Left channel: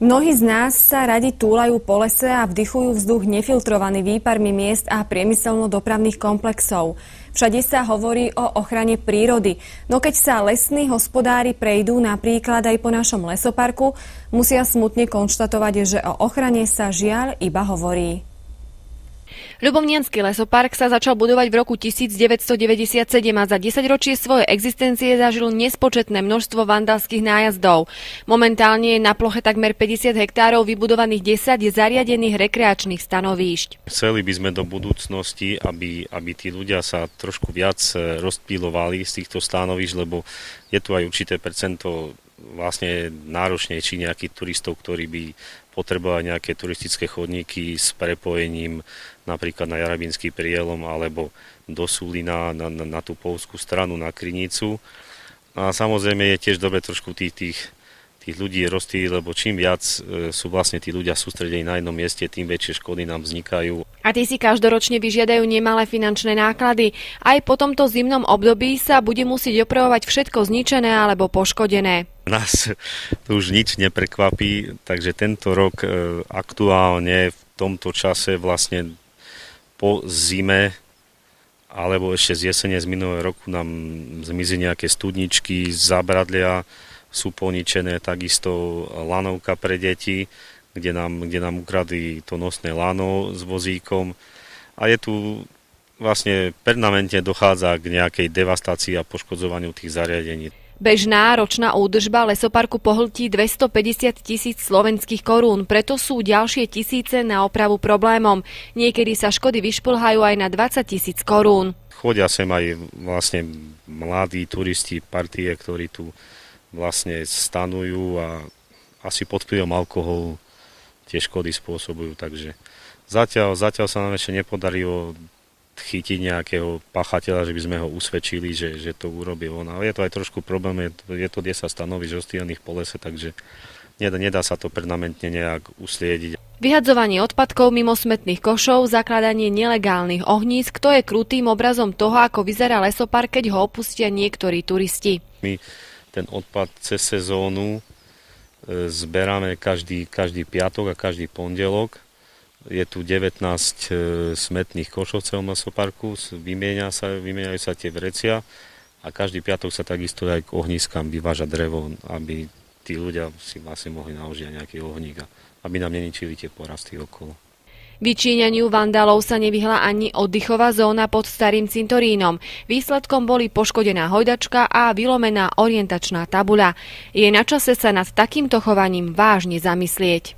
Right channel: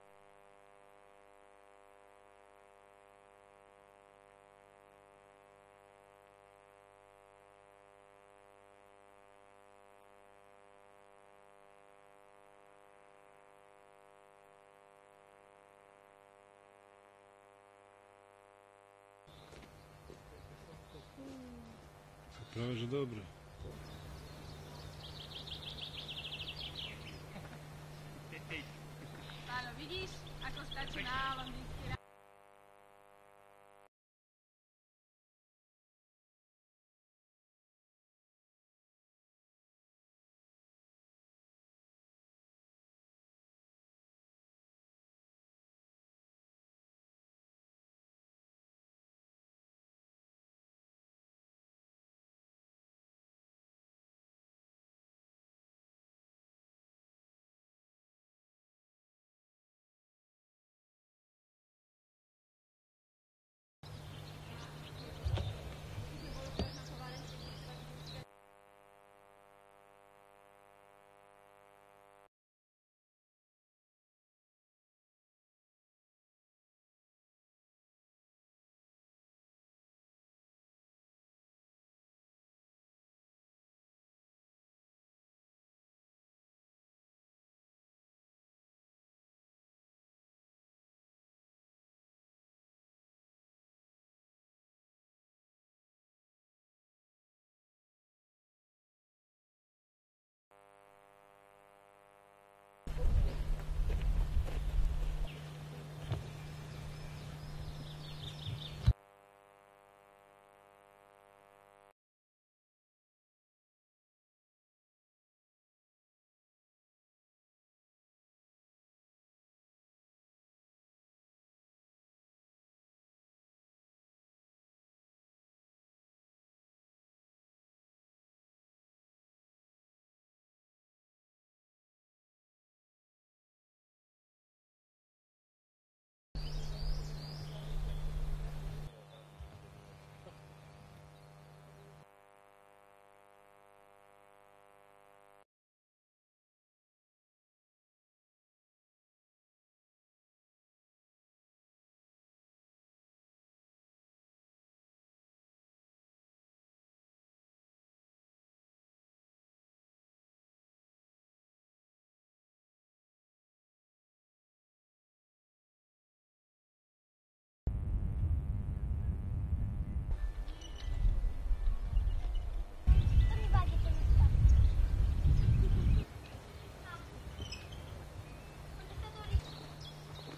Mnohí z nás sa radi túlajú po lese a vdychujú vzduch nefiltrovaný výparmi miest a priemyselno-dopravných komplexov. Všade sa hovorí o ochrane prírody, no keď sa lesní hospodári prejdú napríklad aj po našom lesoparku, musia smutne konštatovať, že o ochrane sa žiaľ iba hovorí. Ľubovniansky lesopark sa začal budovať v roku 1997 a za 10 ročie svojej existencie zažil nespočetné množstvo vandalských nájazdov. Momentálne je na ploche takmer 50 hektárov vybudovaných 10 zariadených rekreačných stanovíšť. Chceli by sme do budúcnosti, aby tí ľudia sa trošku viac rozptýlovali z týchto stanovíšť, lebo je tu aj určité percento vlastne náročnejší nejakých turistov, ktorí by potrebovali nejaké turistické chodníky s prepojením napríklad na Jarabínsky prielom alebo do Sulína na tú poľskú stranu, na Krynicu. A samozrejme je tiež dobre trošku tých ľudí rozptýliť, lebo čím viac sú vlastne tí ľudia sústredení na jednom mieste, tým väčšie škody nám vznikajú. A tí si každoročne vyžiadajú nemalé finančné náklady. Aj po tomto zimnom období sa bude musieť opravovať všetko zničené alebo poškodené. Nás tu už nič neprekvapí, takže tento rok aktuálne v tomto čase vlastne po zime alebo ešte z jesene z minulého roku nám zmizli nejaké studničky, zábradlia, sú poničené, takisto lanovka pre deti, kde nám ukradli to nosné lano s vozíkom a je tu vlastne permanentne dochádza k nejakej devastácii a poškodzovaniu tých zariadení. Bežná ročná údržba lesoparku pohltí 250 000 slovenských korún, preto sú ďalšie tisíce na opravu problémom. Niekedy sa škody vyšplhajú aj na 20 000 korún. Chodia sem aj vlastne mladí turisti, partie, ktorí tu vlastne stanujú a asi pod vplyvom alkoholu tie škody spôsobujú. Takže zatiaľ sa nám ešte nepodarilo chytiť nejakého pachateľa, že by sme ho usvedčili, že to urobil on. Ale je to aj trošku problém, je to 10 stanovíšť rozstýlených po lese, takže nedá sa to permanentne nejak usliediť. Vyhadzovanie odpadkov mimo smetných košov, zakladanie nelegálnych ohnízk, to je krutým obrazom toho, ako vyzerá lesopark, keď ho opustia niektorí turisti. My ten odpad cez sezónu zberáme každý piatok a každý pondelok. Je tu 19 smetných košov v celom lesoparku, vymieňajú sa tie vrecia a každý piatok sa takisto aj k ohniskám vyváža drevo, aby tí ľudia si vlastne mohli naložiť nejaký ohník, aby nám neničili tie porasty okolo. Vyčíňaniu vandalov sa nevyhla ani oddychová zóna pod Starým cintorínom. Výsledkom boli poškodená hojdačka a vylomená orientačná tabuľa. Je na čase sa nad takýmto chovaním vážne zamyslieť.